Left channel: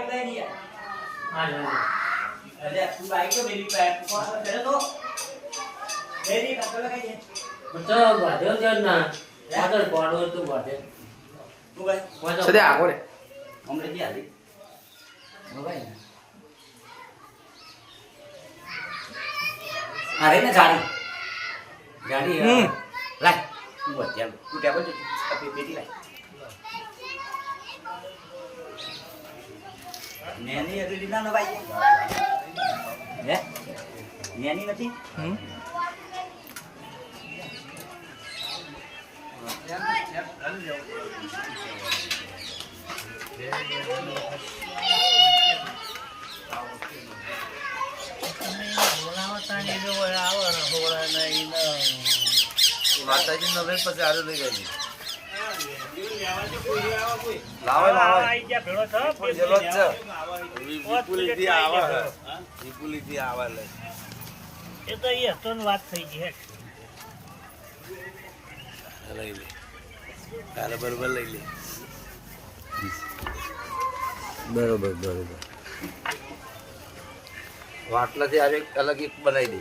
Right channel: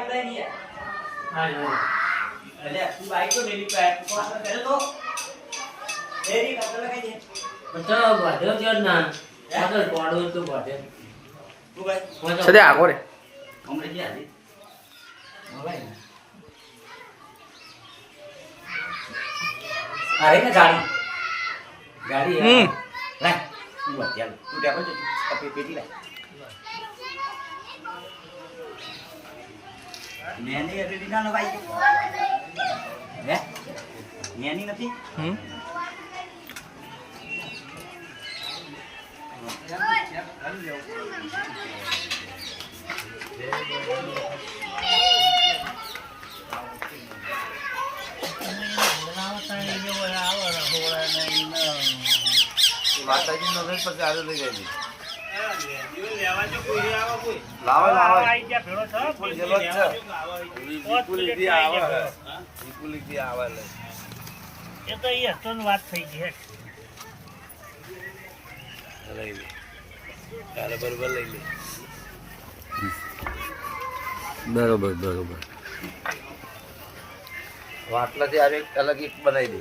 bike લઈને યાર હા અરે તું બાઈક તો મેરી પાસે કોણ કરે તો મેરી કાટલા લગાઈ દે તો બાધ્યો જ ના આગળ પાડો તો બાધ્યો તું ભાઈ સદે આગળ હમણે જી આલી મોબાઈલ અરે ને ગાડી લાય તું અત્યારે તું ટેબલ જો પેટી લાય નેની એબિલિટી ના ભાઈ હે નેની નથી માતાજી નવે પછી આડો લઈ જાય વાત થઈ ગઈ લઈ લે કાલે બરોબર લઈ લે બરોબર વાટલાથી આવે અલગ એક બનાવી દે